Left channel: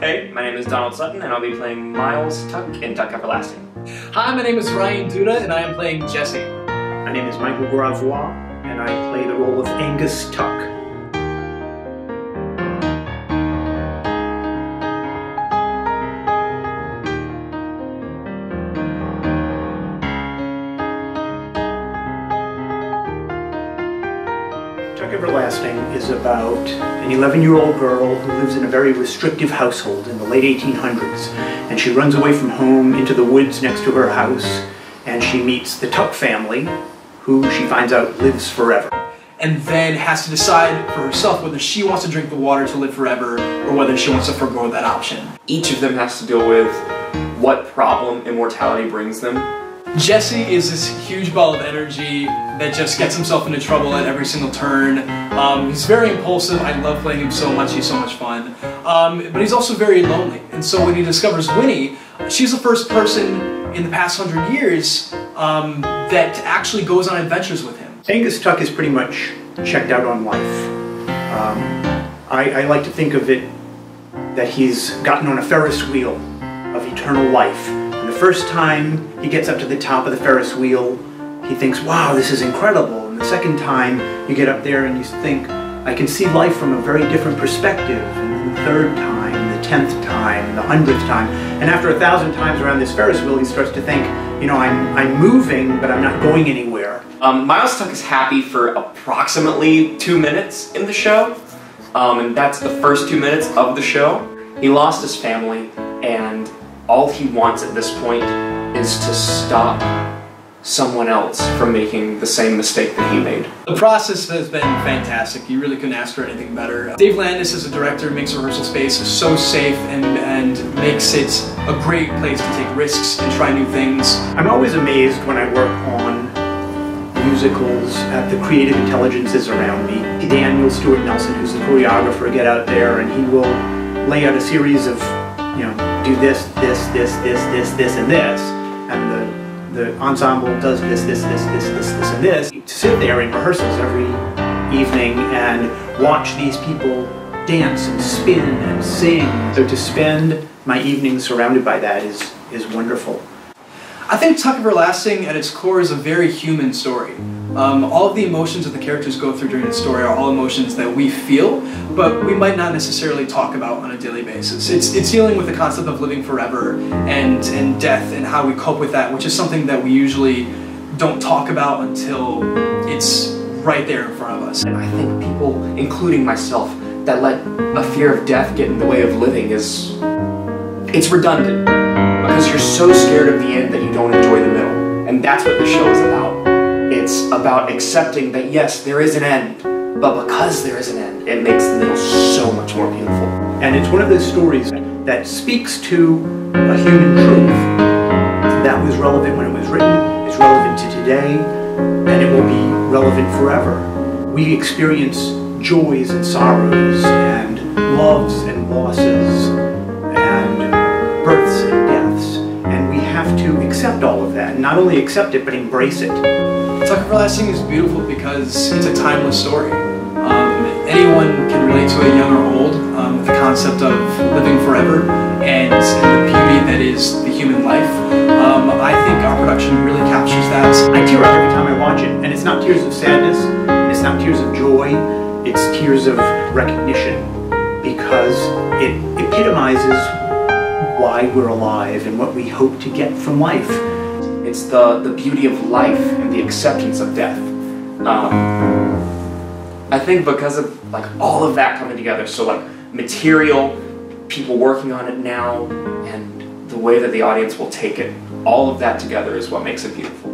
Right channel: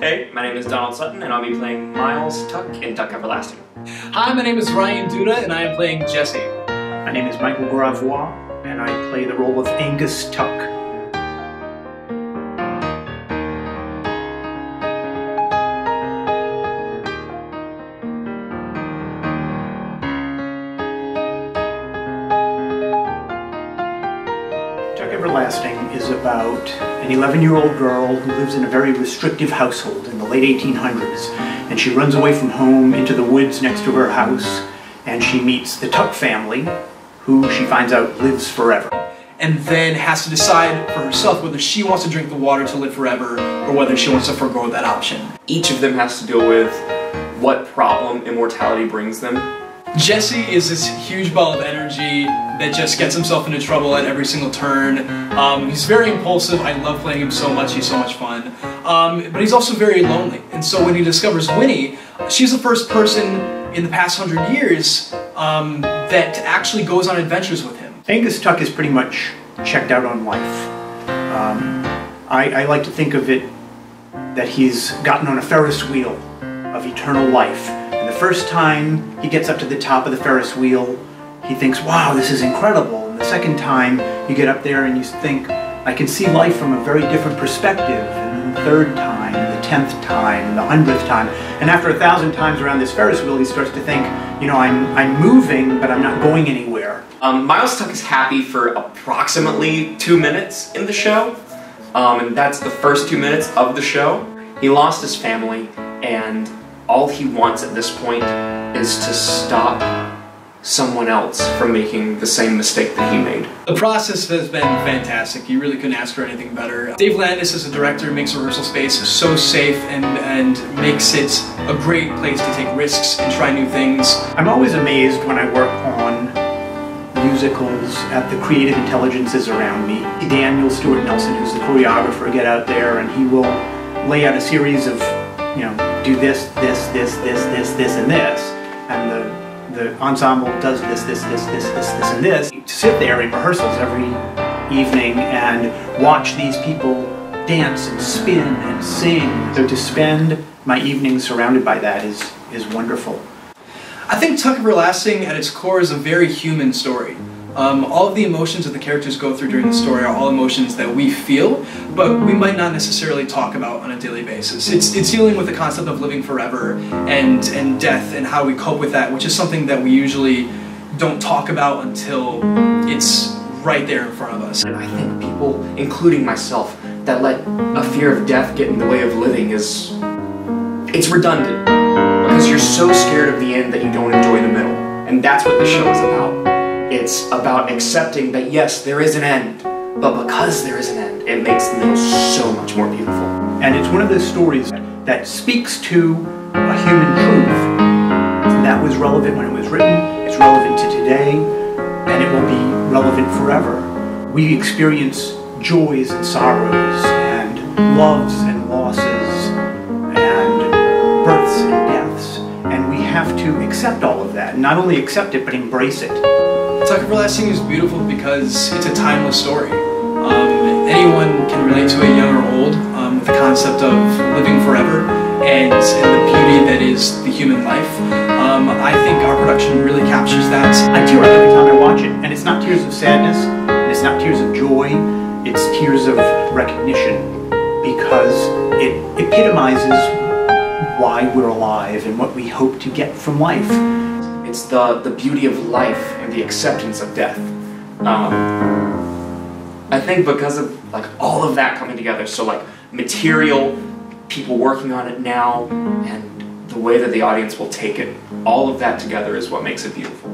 Hey, my name is Donald Sutton, and I'll be playing Miles Tuck in Tuck Everlasting. Hi, my name is Ryan Duda, and I am playing Jesse. My name is Michael Gravois, and I play the role of Angus Tuck. Tuck Everlasting is about an 11-year-old girl who lives in a very restrictive household in the late 1800s, and she runs away from home into the woods next to her house, and she meets the Tuck family, who she finds out lives forever. And then has to decide for herself whether she wants to drink the water to live forever or whether she wants to forego that option. Each of them has to deal with what problem immortality brings them. Jesse is this huge ball of energy that just gets himself into trouble at every single turn. He's very impulsive. I love playing him so much. He's so much fun. But he's also very lonely. And so when he discovers Winnie, she's the first person in the past 100 years that actually goes on adventures with him. Angus Tuck is pretty much checked out on life. I like to think of it that he's gotten on a Ferris wheel of eternal life. And the first time he gets up to the top of the Ferris wheel, he thinks, wow, this is incredible. And the second time you get up there and you think, I can see life from a very different perspective. And then the third time, the 10th time, the 100th time. And after 1,000 times around this Ferris wheel, he starts to think, you know, I'm moving, but I'm not going anywhere. Miles Tuck is happy for approximately 2 minutes in the show, and that's the first 2 minutes of the show. He lost his family, and all he wants at this point is to stop someone else from making the same mistake that he made. The process has been fantastic. You really couldn't ask for anything better. Dave Landis as a director makes a rehearsal space so safe and makes it a great place to take risks and try new things. I'm always amazed when I work on musicals at the creative intelligences around me. Daniel Stewart Nelson, who's the choreographer, get out there and he will lay out a series of, you know, do this, and this, and the ensemble does this, and this. To sit there in rehearsals every evening and watch these people dance and spin and sing. So to spend my evenings surrounded by that is wonderful. I think Tuck Everlasting at its core is a very human story. All of the emotions that the characters go through during the story are all emotions that we feel, but we might not necessarily talk about on a daily basis. It's dealing with the concept of living forever and death and how we cope with that, which is something that we usually don't talk about until it's right there in front of us. And I think people, including myself, that let a fear of death get in the way of living it's redundant. Because you're so scared of the end that you don't enjoy the middle. And that's what the show is about. It's about accepting that yes, there is an end, but because there is an end, it makes the middle so much more beautiful. And it's one of those stories that speaks to a human truth that was relevant when it was written, it's relevant to today, and it will be relevant forever. We experience joys and sorrows, and loves and losses, and births and deaths, and we have to accept all of that. And not only accept it, but embrace it. Tuck Everlasting is beautiful because it's a timeless story. Anyone can relate to it, young or old, with the concept of living forever and the beauty that is the human life. I think our production really captures that. I tear up every time I watch it, and it's not tears of sadness, and it's not tears of joy, it's tears of recognition, because it epitomizes why we're alive and what we hope to get from life. It's the beauty of life and the acceptance of death. I think because of like all of that coming together, so like material, people working on it now, and the way that the audience will take it, all of that together is what makes it beautiful.